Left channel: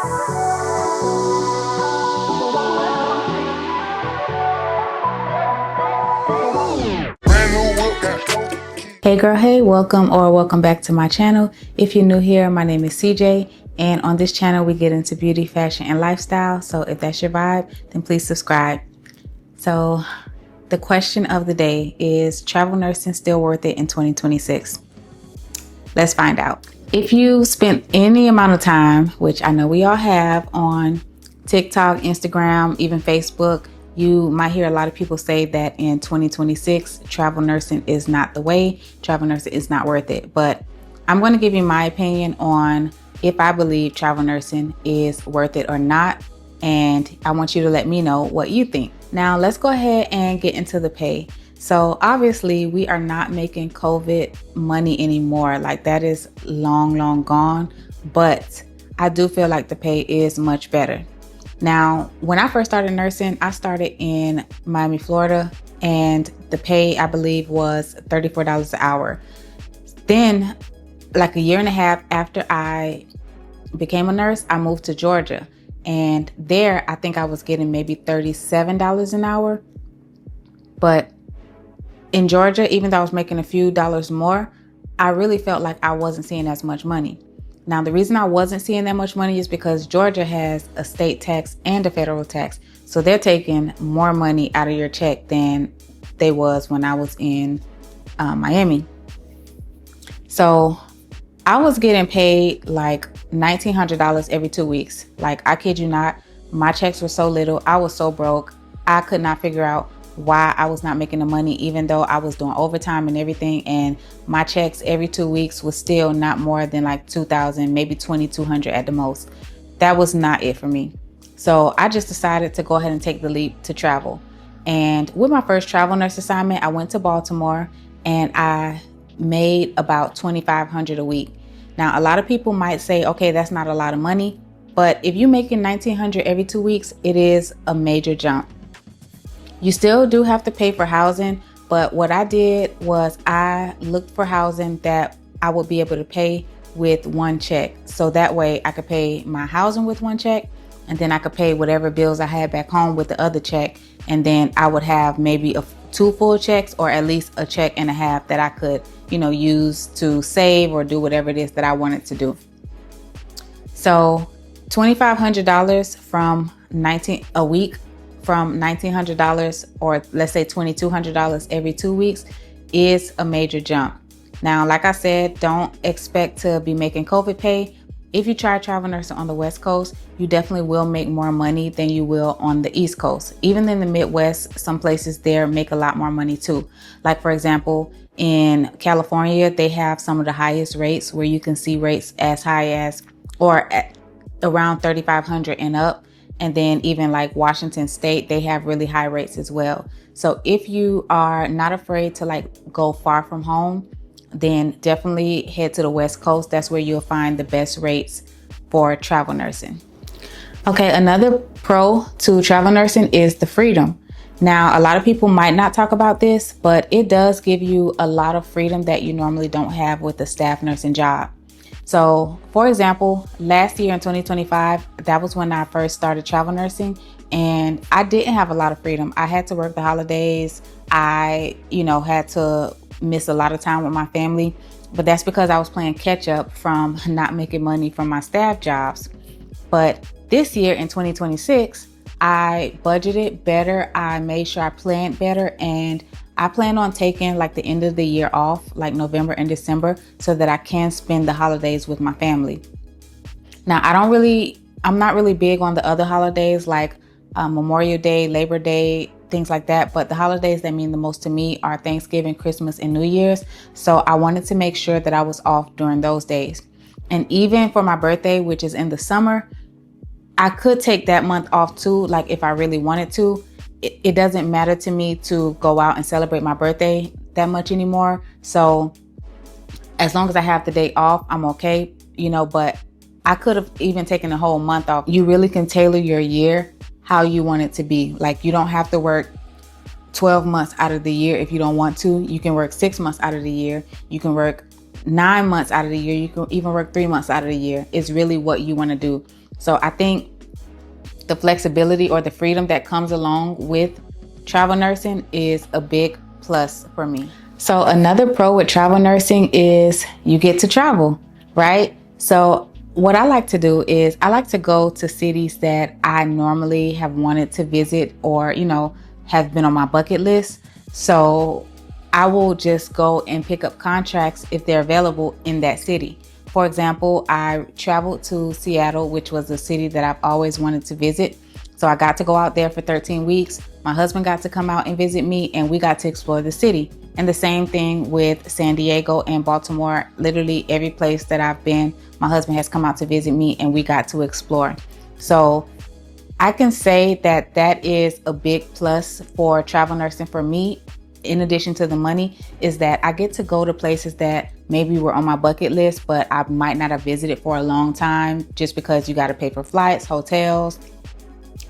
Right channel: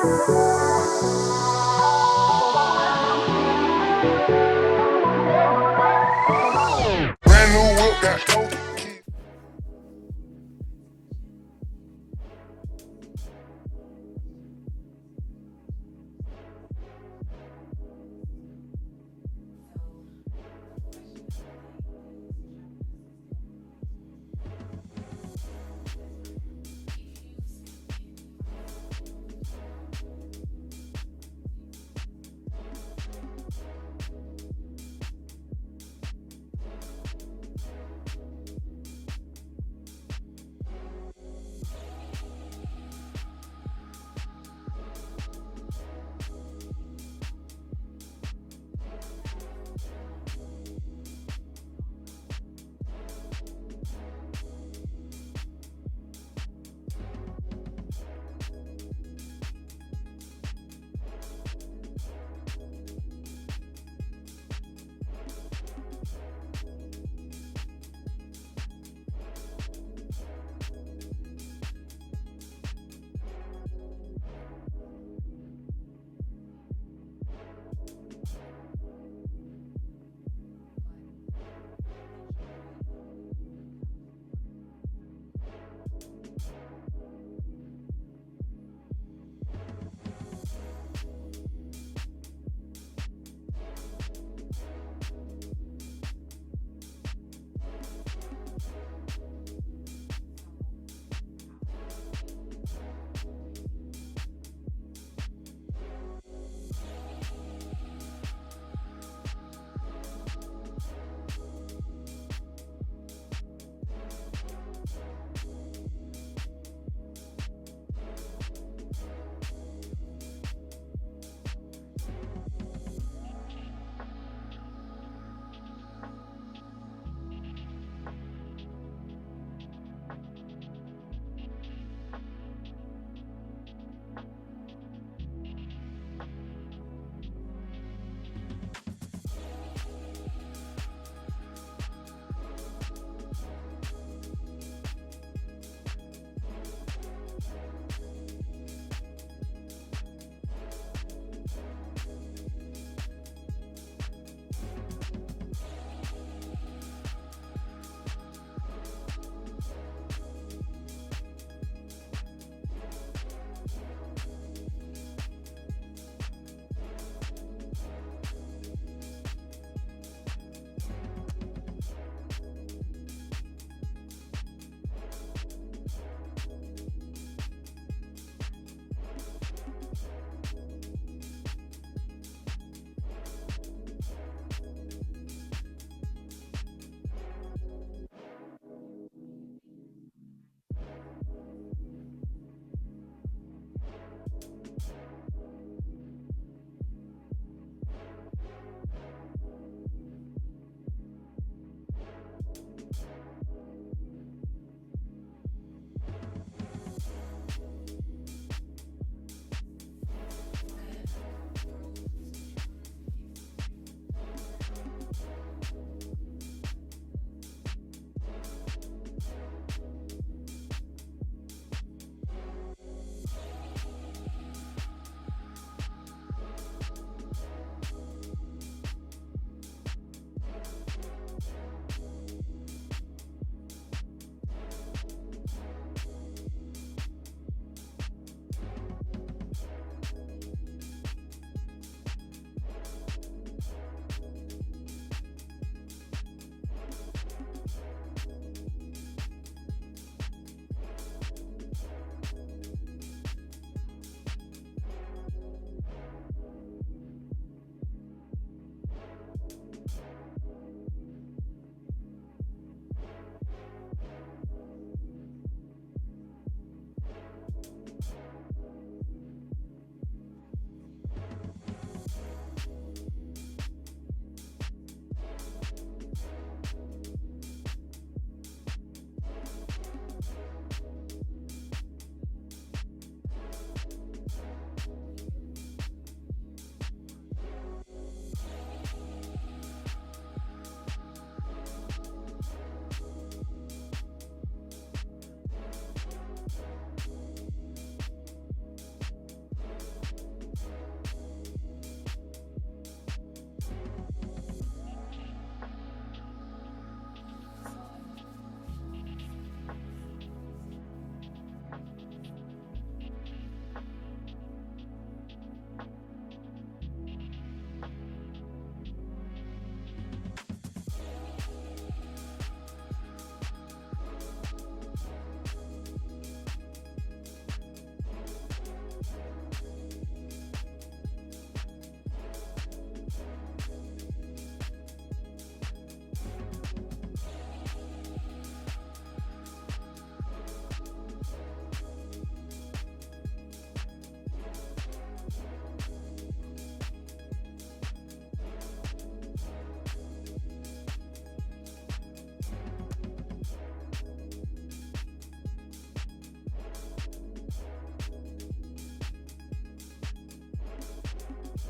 Hey girl, hey, welcome back to my channel. If you're new here, my name is CJ, and on this channel we get into beauty, fashion, and lifestyle. So if that's your vibe, then please subscribe. So the question of the day is, travel nursing still worth it in 2026? Let's find out. If you spent any amount of time, which I know we all have, on TikTok, Instagram, even Facebook, you might hear a lot of people say that in 2026, travel nursing is not the way, travel nursing is not worth it. But I'm going to give you my opinion on if I believe travel nursing is worth it or not. And I want you to let me know what you think. Now, let's go ahead and get into the pay. So obviously we are not making COVID money anymore. Like, that is long gone. But I do feel like the pay is much better. Now, when I first started nursing, I started in Miami, Florida, and the pay, I believe, was $34 an hour. Then, like a year and a half after I became a nurse, I moved to Georgia. And there, I think I was getting maybe $37 an hour. But in Georgia, even though I was making a few dollars more, I really felt like I wasn't seeing as much money. Now, the reason I wasn't seeing that much money is because Georgia has a state tax and a federal tax. So they're taking more money out of your check than they was when I was in Miami. So I was getting paid like $1,900 every 2 weeks. Like, I kid you not, my checks were so little. I was so broke. I could not figure out why I was not making the money, even though I was doing overtime and everything, and my checks every 2 weeks was still not more than like $2,000, maybe $2,200 at the most. That was not it for me. So I just decided to go ahead and take the leap to travel. And with my first travel nurse assignment, I went to Baltimore and I made about $2,500 a week. Now, a lot of people might say, okay, that's not a lot of money, but if you're making $1,900 every 2 weeks, it is a major jump. You still do have to pay for housing, but what I did was I looked for housing that I would be able to pay with one check. So that way I could pay my housing with one check, and then I could pay whatever bills I had back home with the other check. And then I would have maybe two full checks, or at least a check and a half that I could, use to save or do whatever it is that I wanted to do. So $2,500 from a week, from $1,900, or let's say $2,200 every 2 weeks, is a major jump. Now, like I said, don't expect to be making COVID pay. If you try travel nursing on the West Coast, you definitely will make more money than you will on the East Coast. Even in the Midwest, some places there make a lot more money too. Like, for example, in California, they have some of the highest rates, where you can see rates as high as or at around $3,500 and up. And then even like Washington State, they have really high rates as well. So if you are not afraid to go far from home, then definitely head to the West Coast. That's where you'll find the best rates for travel nursing. Okay, another pro to travel nursing is the freedom. Now, a lot of people might not talk about this, but it does give you a lot of freedom that you normally don't have with a staff nursing job. So, for example, last year in 2025, that was when I first started travel nursing, and I didn't have a lot of freedom. I had to work the holidays. I, had to miss a lot of time with my family, but that's because I was playing catch up from not making money from my staff jobs. But this year in 2026, I budgeted better. I made sure I planned better, and I plan on taking the end of the year off, like November and December, so that I can spend the holidays with my family. Now, I'm not really big on the other holidays like Memorial Day, Labor Day, things like that. But the holidays that mean the most to me are Thanksgiving, Christmas, and New Year's. So I wanted to make sure that I was off during those days. And even for my birthday, which is in the summer, I could take that month off too, if I really wanted to. It doesn't matter to me to go out and celebrate my birthday that much anymore. So as long as I have the day off, I'm okay, but I could have even taken a whole month off. You really can tailor your year how you want it to be. You don't have to work 12 months out of the year if you don't want to. You can work 6 months out of the year. You can work 9 months out of the year. You can even work 3 months out of the year. It's really what you want to do. So I think the flexibility or the freedom that comes along with travel nursing is a big plus for me. So another pro with travel nursing is you get to travel, right? So what I like to do is I like to go to cities that I normally have wanted to visit or, have been on my bucket list. So I will just go and pick up contracts if they're available in that city. For example, I traveled to Seattle, which was a city that I've always wanted to visit. So I got to go out there for 13 weeks. My husband got to come out and visit me, and we got to explore the city. And the same thing with San Diego and Baltimore. Literally every place that I've been, my husband has come out to visit me and we got to explore. So I can say that that is a big plus for travel nursing for me. In addition to the money, is that I get to go to places that maybe were on my bucket list, but I might not have visited for a long time, just because you got to pay for flights, hotels,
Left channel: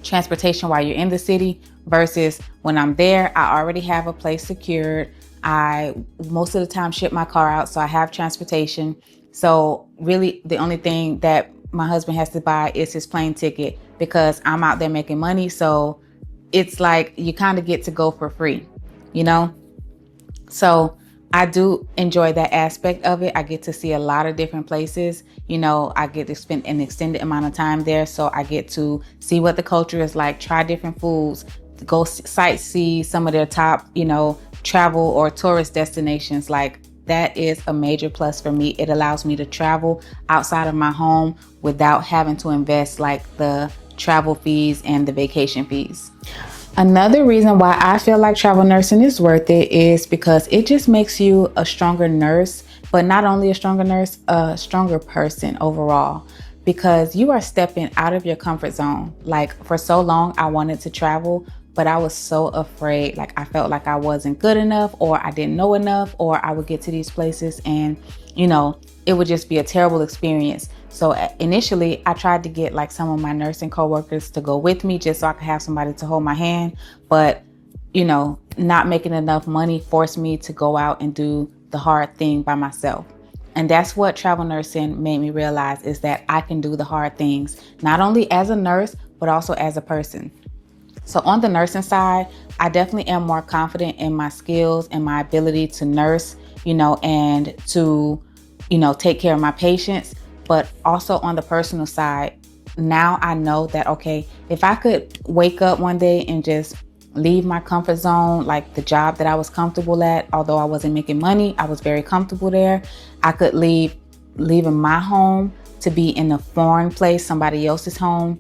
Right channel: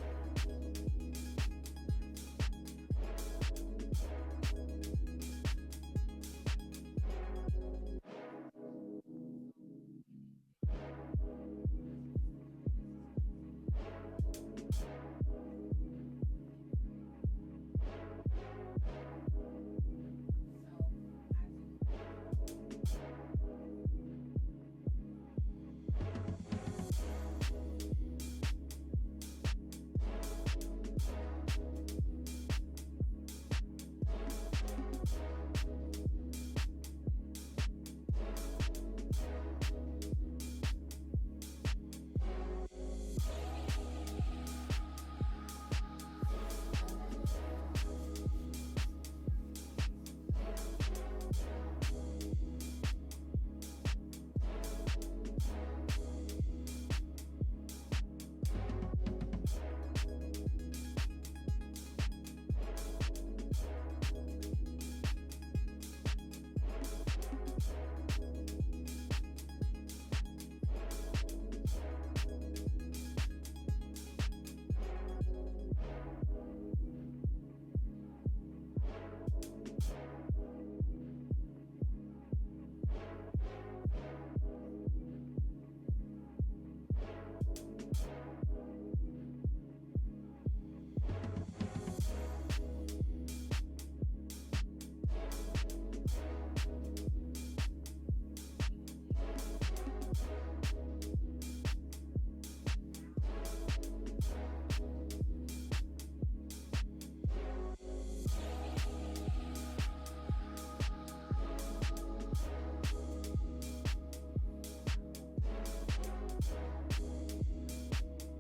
transportation while you're in the city, versus when I'm there, I already have a place secured. I most of the time ship my car out, so I have transportation. So really the only thing that my husband has to buy is his plane ticket, because I'm out there making money. So it's like you kind of get to go for free, So I do enjoy that aspect of it. I get to see a lot of different places. I get to spend an extended amount of time there. So I get to see what the culture is like, try different foods, go sightsee some of their top, travel or tourist destinations. Like, that is a major plus for me. It allows me to travel outside of my home without having to invest like the travel fees and the vacation fees. Another reason why I feel like travel nursing is worth it is because it just makes you a stronger nurse, but not only a stronger nurse, a stronger person overall, because you are stepping out of your comfort zone. Like, for so long, I wanted to travel, but I was so afraid. Like, I felt like I wasn't good enough, or I didn't know enough, or I would get to these places and, it would just be a terrible experience. So initially, I tried to get like some of my nursing coworkers to go with me just so I could have somebody to hold my hand. But, not making enough money forced me to go out and do the hard thing by myself. And that's what travel nursing made me realize, is that I can do the hard things, not only as a nurse, but also as a person. So on the nursing side, I definitely am more confident in my skills and my ability to nurse, and to, take care of my patients. But also on the personal side, now I know that, okay, if I could wake up one day and just leave my comfort zone, like the job that I was comfortable at, although I wasn't making money, I was very comfortable there. I could leaving my home to be in a foreign place, somebody else's home.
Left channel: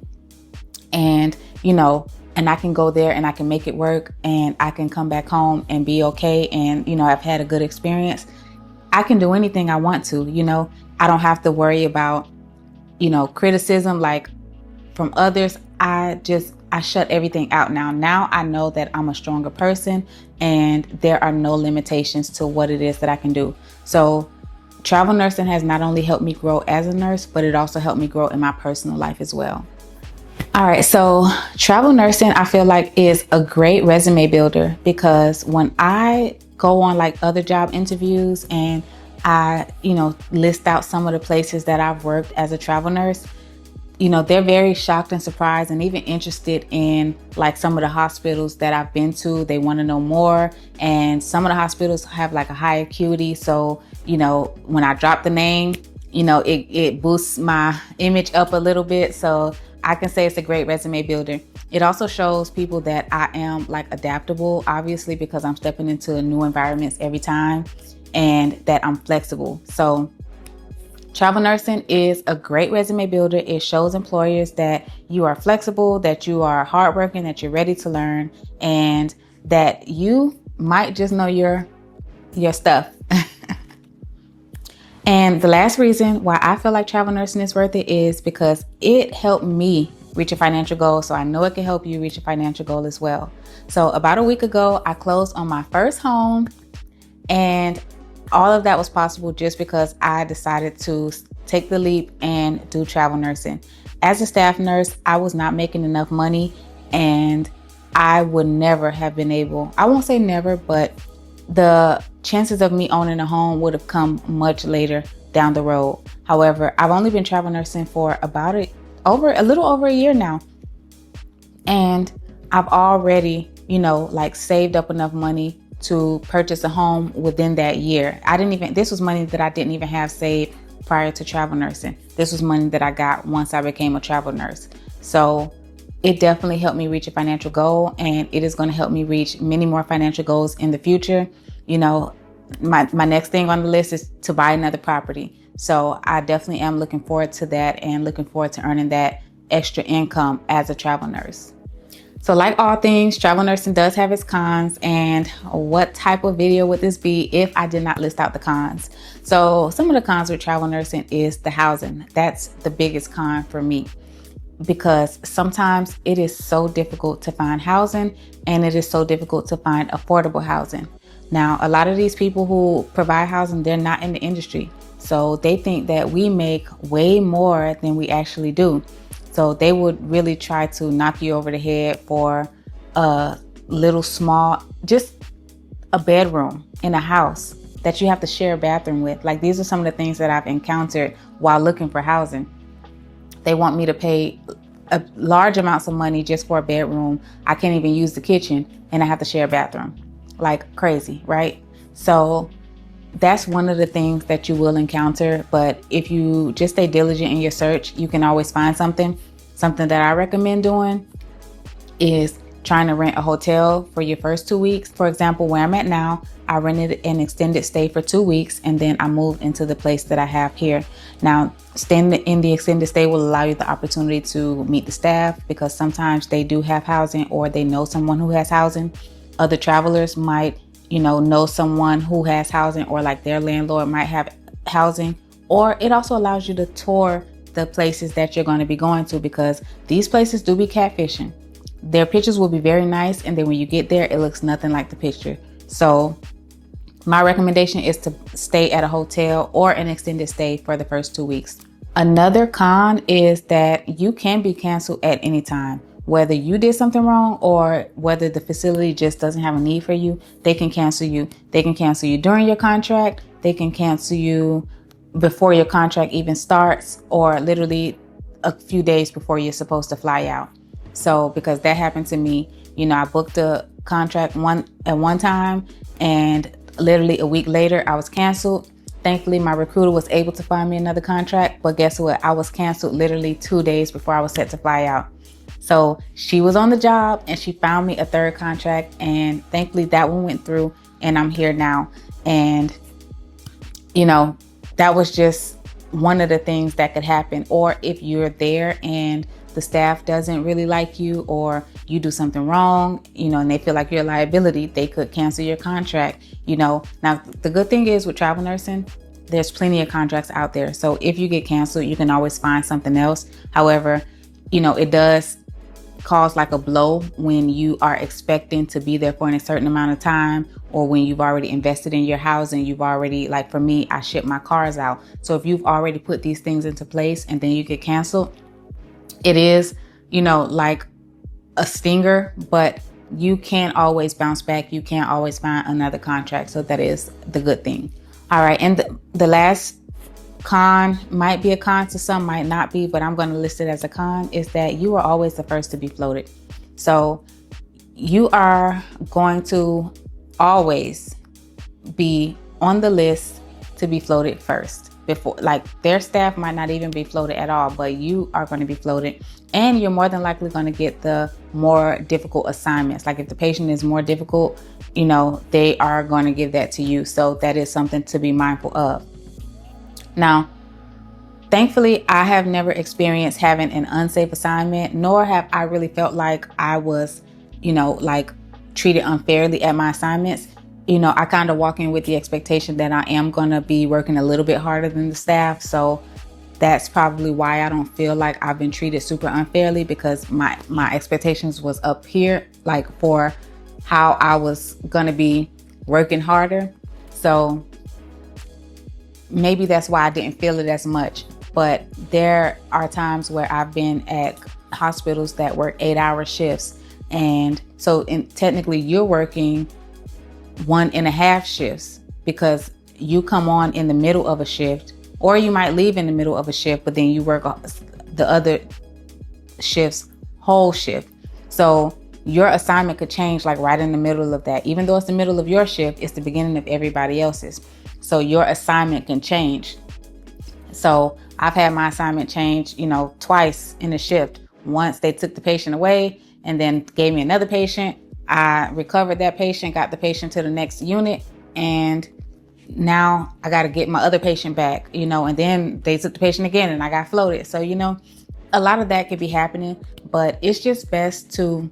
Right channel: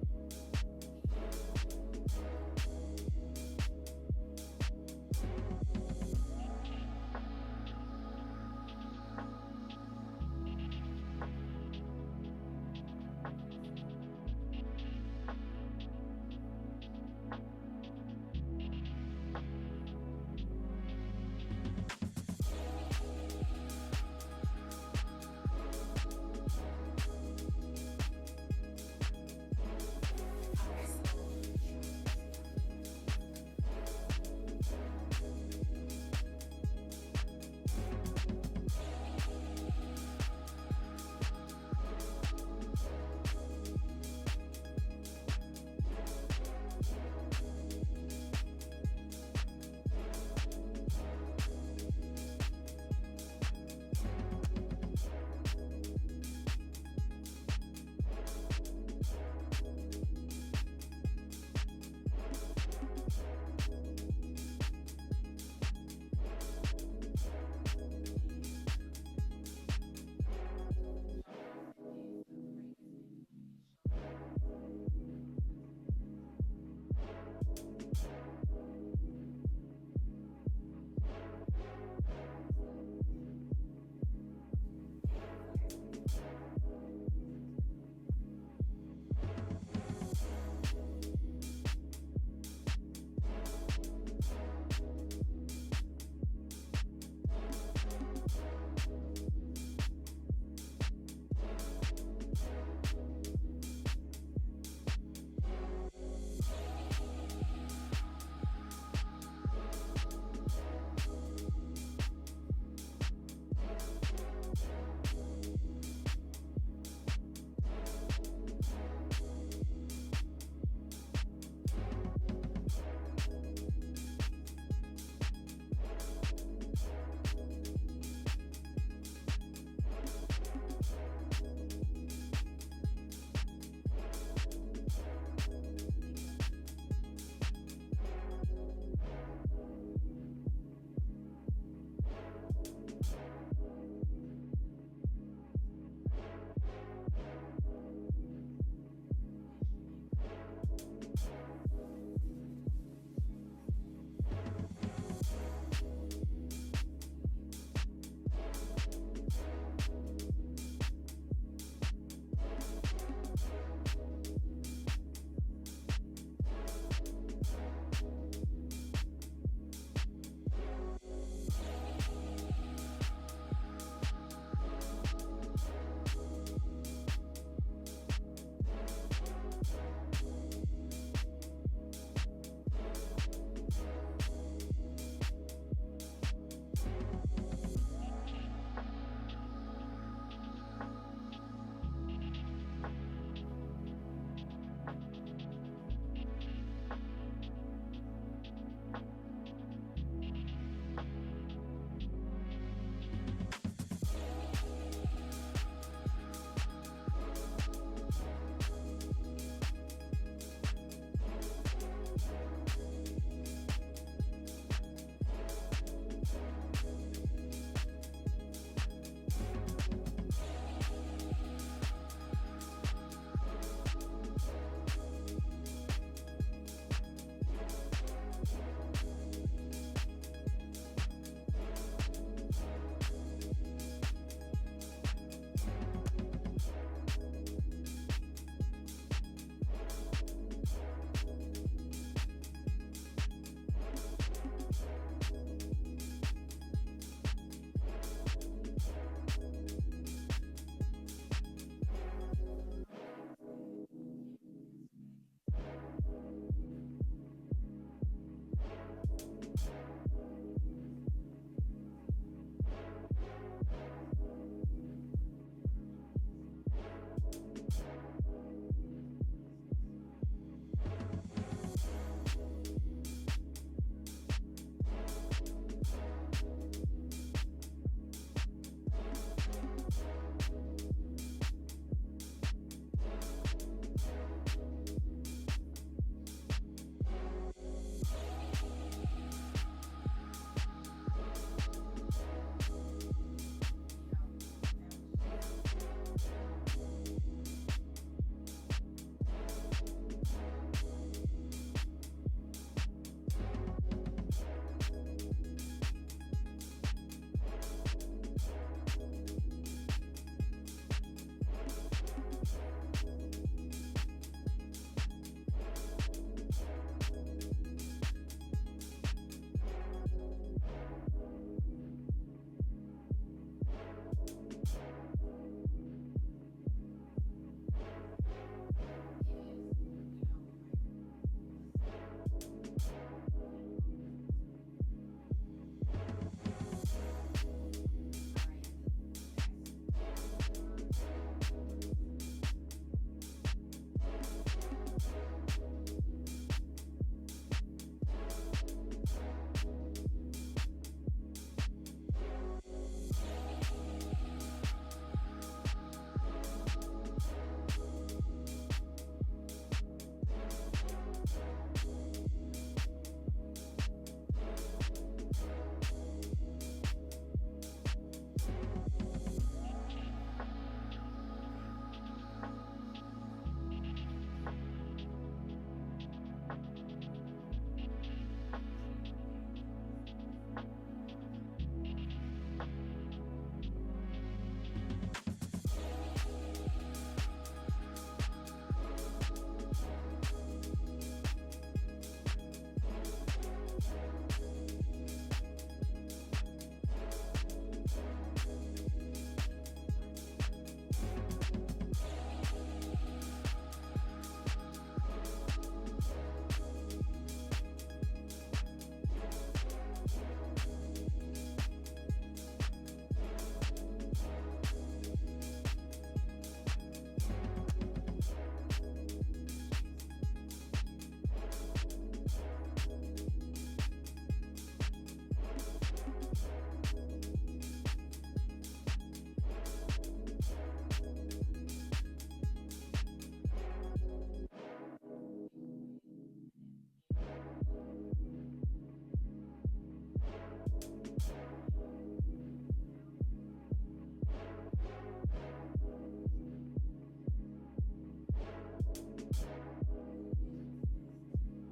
And, and I can go there and I can make it work, and I can come back home and be okay. And, I've had a good experience. I can do anything I want to, I don't have to worry about, criticism like from others. I shut everything out now. Now I know that I'm a stronger person and there are no limitations to what it is that I can do. So travel nursing has not only helped me grow as a nurse, but it also helped me grow in my personal life as well. All right, so travel nursing, I feel like, is a great resume builder, because when I go on like other job interviews and I, list out some of the places that I've worked as a travel nurse, they're very shocked and surprised and even interested in like some of the hospitals that I've been to. They want to know more. And some of the hospitals have like a high acuity. So, when I drop the name, it boosts my image up a little bit. So I can say it's a great resume builder. It also shows people that I am like adaptable, obviously, because I'm stepping into new environments every time, and that I'm flexible. So travel nursing is a great resume builder. It shows employers that you are flexible, that you are hardworking, that you're ready to learn, and that you might just know your stuff. And the last reason why I feel like travel nursing is worth it is because it helped me reach a financial goal. So I know it can help you reach a financial goal as well. So about a week ago, I closed on my first home, and all of that was possible just because I decided to take the leap and do travel nursing. As a staff nurse, I was not making enough money, and I would never have been able, I won't say never, but the chances of me owning a home would have come much later down the road. However, I've only been travel nursing for about a little over a year now. And I've already, like saved up enough money to purchase a home within that year. This was money that I didn't even have saved prior to travel nursing. This was money that I got once I became a travel nurse. So it definitely helped me reach a financial goal, and it is going to help me reach many more financial goals in the future. My next thing on the list is to buy another property. So I definitely am looking forward to that and looking forward to earning that extra income as a travel nurse. So like all things, travel nursing does have its cons. And what type of video would this be if I did not list out the cons? So some of the cons with travel nursing is the housing. That's the biggest con for me, because sometimes it is so difficult to find housing, and it is so difficult to find affordable housing. Now, a lot of these people who provide housing, they're not in the industry. So they think that we make way more than we actually do. So they would really try to knock you over the head for a little small, just a bedroom in a house that you have to share a bathroom with. Like, these are some of the things that I've encountered while looking for housing. They want me to pay large amounts of money just for a bedroom. I can't even use the kitchen, and I have to share a bathroom. Like crazy, right? So that's one of the things that you will encounter. But if you just stay diligent in your search, you can always find something. Something that I recommend doing is trying to rent a hotel for your first 2 weeks. For example, where I'm at now, I rented an extended stay for 2 weeks, and then I moved into the place that I have here. Now, staying in the extended stay will allow you the opportunity to meet the staff, because sometimes they do have housing, or they know someone who has housing. Other travelers might, know someone who has housing, or like their landlord might have housing. Or it also allows you to tour the places that you're going to be going to, because these places do be catfishing. Their pictures will be very nice, and then when you get there, it looks nothing like the picture. So my recommendation is to stay at a hotel or an extended stay for the first 2 weeks. Another con is that you can be canceled at any time. Whether you did something wrong or whether the facility just doesn't have a need for you, they can cancel you. They can cancel you during your contract. They can cancel you before your contract even starts, or literally a few days before you're supposed to fly out. So because that happened to me, I booked a contract at one time, and literally a week later I was canceled. Thankfully, my recruiter was able to find me another contract, but guess what? I was canceled literally 2 days before I was set to fly out. So she was on the job, and she found me a third contract, and thankfully that one went through, and I'm here now. And that was just one of the things that could happen. Or if you're there and the staff doesn't really like you, or you do something wrong, and they feel like you're a liability, they could cancel your contract. Now the good thing is with travel nursing, there's plenty of contracts out there. So if you get canceled, you can always find something else. However, it does cause like a blow when you are expecting to be there for a certain amount of time, or when you've already invested in your housing. You've already, like for me, I ship my cars out. So if you've already put these things into place and then you get canceled, it is, like a stinger, but you can't always bounce back. You can't always find another contract. So that is the good thing. All right. And the last con, might be a con to some, might not be, but I'm going to list it as a con, is that you are always the first to be floated. So you are going to always be on the list to be floated first. Before, like, their staff might not even be floated at all, but you are going to be floated, and you're more than likely going to get the more difficult assignments. Like if the patient is more difficult, they are going to give that to you. So that is something to be mindful of. Now, thankfully, I have never experienced having an unsafe assignment, nor have I really felt like I was, treated unfairly at my assignments. I kind of walk in with the expectation that I am going to be working a little bit harder than the staff. So that's probably why I don't feel like I've been treated super unfairly, because my expectations was up here, like for how I was going to be working harder. So maybe that's why I didn't feel it as much. But there are times where I've been at hospitals that work 8-hour shifts. And so technically you're working 1.5 shifts, because you come on in the middle of a shift, or you might leave in the middle of a shift, but then you work the other shift's whole shift. So your assignment could change like right in the middle of that. Even though it's the middle of your shift, it's the beginning of everybody else's. So your assignment can change. So I've had my assignment change, twice in a shift. Once they took the patient away and then gave me another patient. I recovered that patient, got the patient to the next unit, and now I got to get my other patient back, and then they took the patient again and I got floated. So, a lot of that could be happening, but it's just best to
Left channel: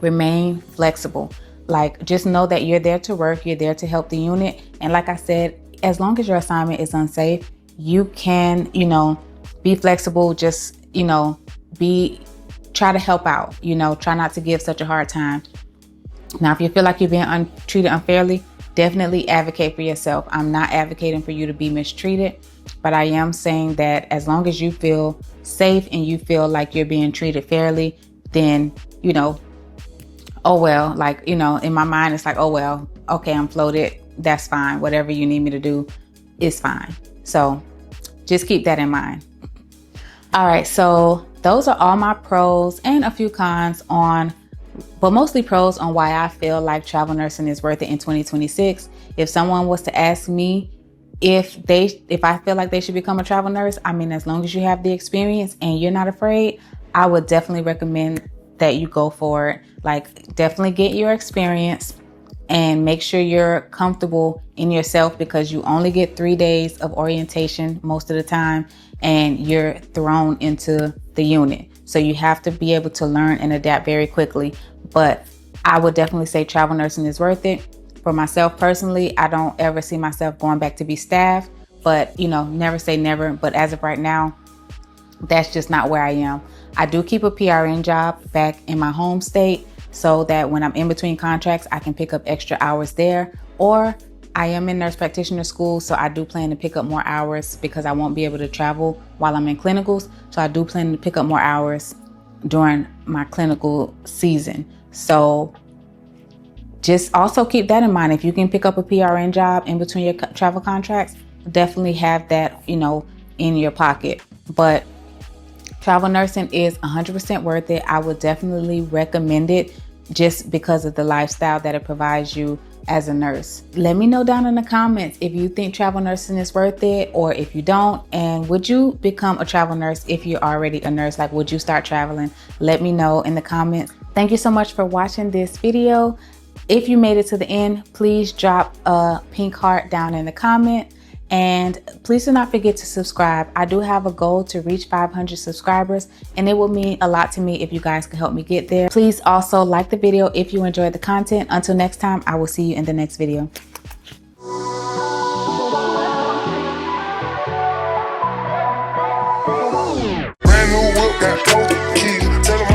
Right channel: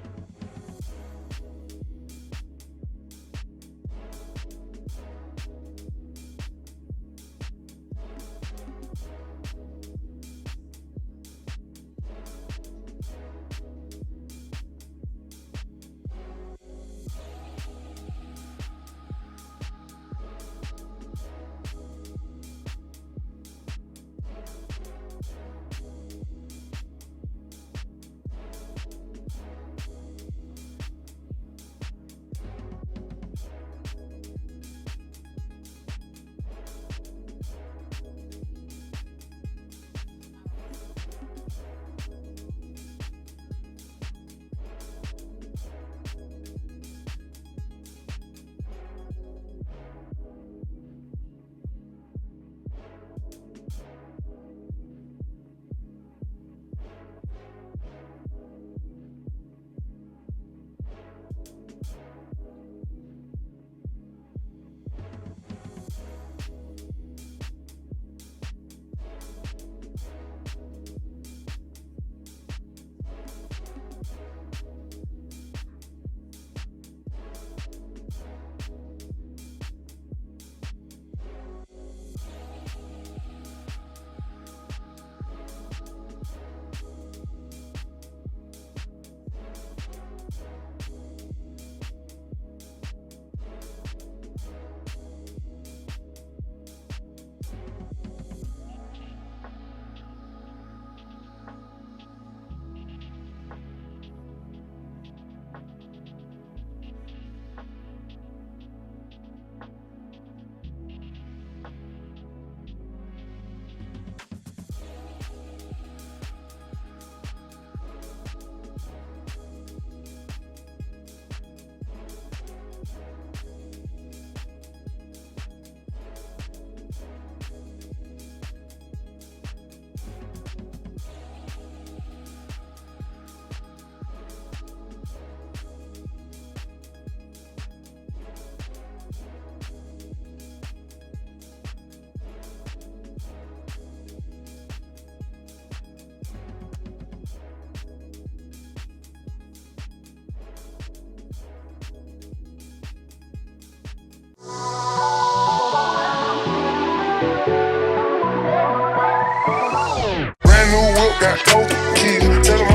remain flexible. Like, just know that you're there to work, you're there to help the unit. And like I said, as long as your assignment is unsafe, you can, be flexible, just, try to help out, try not to give such a hard time. Now, if you feel like you're being treated unfairly, definitely advocate for yourself. I'm not advocating for you to be mistreated, but I am saying that as long as you feel safe and you feel like you're being treated fairly, then, oh well, like, in my mind, it's like, oh well, okay, I'm floated. That's fine. Whatever you need me to do is fine. So just keep that in mind. All right, so those are all my pros and a few cons but mostly pros on why I feel like travel nursing is worth it in 2026. If someone was to ask me if I feel like they should become a travel nurse, as long as you have the experience and you're not afraid, I would definitely recommend that you go for it. Like, definitely get your experience and make sure you're comfortable in yourself, because you only get 3 days of orientation most of the time and you're thrown into the unit. So you have to be able to learn and adapt very quickly. But I would definitely say travel nursing is worth it. For myself personally, I don't ever see myself going back to be staff, but never say never. But as of right now, that's just not where I am. I do keep a PRN job back in my home state so that when I'm in between contracts, I can pick up extra hours there. Or I am in nurse practitioner school, so I do plan to pick up more hours because I won't be able to travel while I'm in clinicals. So I do plan to pick up more hours during my clinical season. So just also keep that in mind. If you can pick up a PRN job in between your travel contracts, definitely have that, in your pocket. But travel nursing is 100% worth it. I would definitely recommend it just because of the lifestyle that it provides you as a nurse. Let me know down in the comments if you think travel nursing is worth it or if you don't. And would you become a travel nurse if you're already a nurse? Like, would you start traveling? Let me know in the comments. Thank you so much for watching this video. If you made it to the end, please drop a pink heart down in the comment. And please do not forget to subscribe. I do have a goal to reach 500 subscribers, and it will mean a lot to me if you guys can help me get there. Please also like the video if you enjoyed the content. Until next time, I will see you in the next video. Brand new whip, got 4 keys. Tell 'em